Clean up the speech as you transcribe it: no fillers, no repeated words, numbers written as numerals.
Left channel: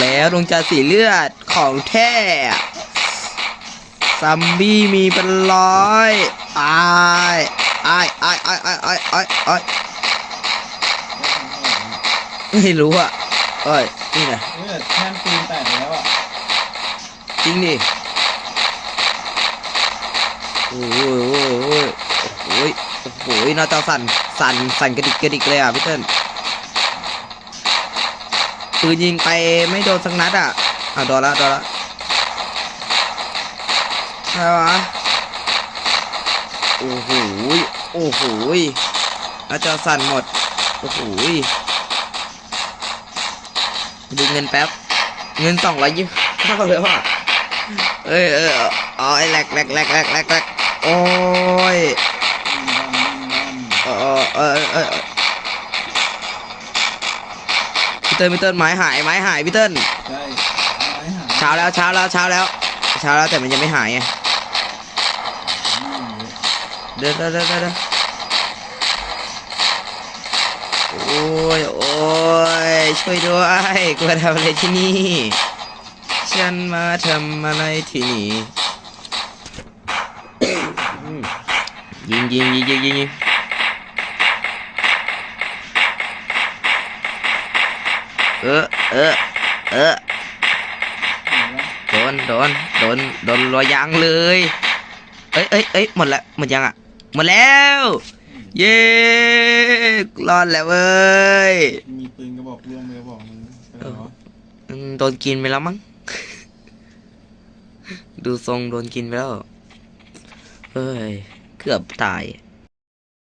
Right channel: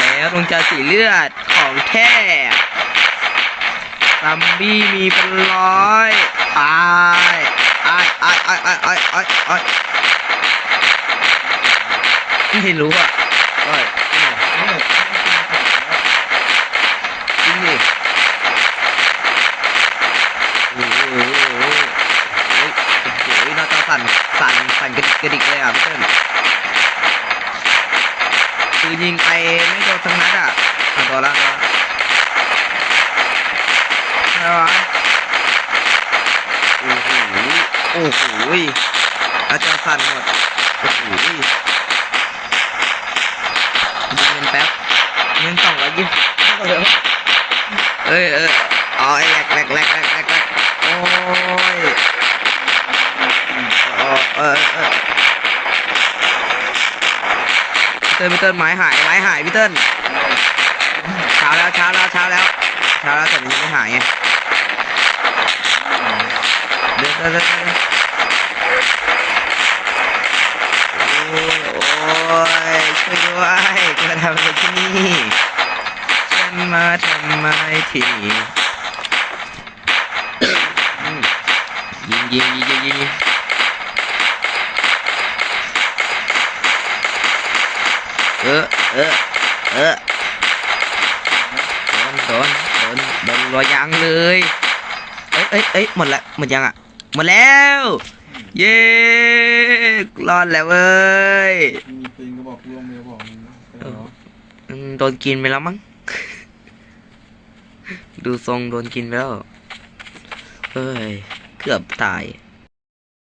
แล้วดวงใจสีเลือดของแท้ซัมบี้มีเป็นร้อยอ้ายไม่รู้อ่ะนี่ไงแม่งตีนแตกแล้วอ่ะจริงดิโอ้ยหน้าจอสั่นกระดิกเลยอ่ะพี่เติ้ลปืนยิงไปไม่โดนสักนัดอ่ะโดนละใช่ปะโอ้โหหน้าจอสั่นหมดโอ้โหดูเงินแป๊บเงิน220เท่าเลยว่ะไอ้แหลกโอ้ยพี่เติ้ลไม้หายพี่เติ้ลเช้าแล้วแต่มันยังไม่หายไงเดินโอ้ยช่วยด้วยกูมาทำอะไรที่นี่ฉันมาทำอะไรที่นี่ยิงโดนรอยยางเลยหมดยังอ่ะหมดแล้วเย้รอดแล้วเว้ยมีปืนกระบอกร่วงเลยบอกมึงโดนกินไปแล้วมั้งดูทรงโดนกินไปแล้วเกือบตาย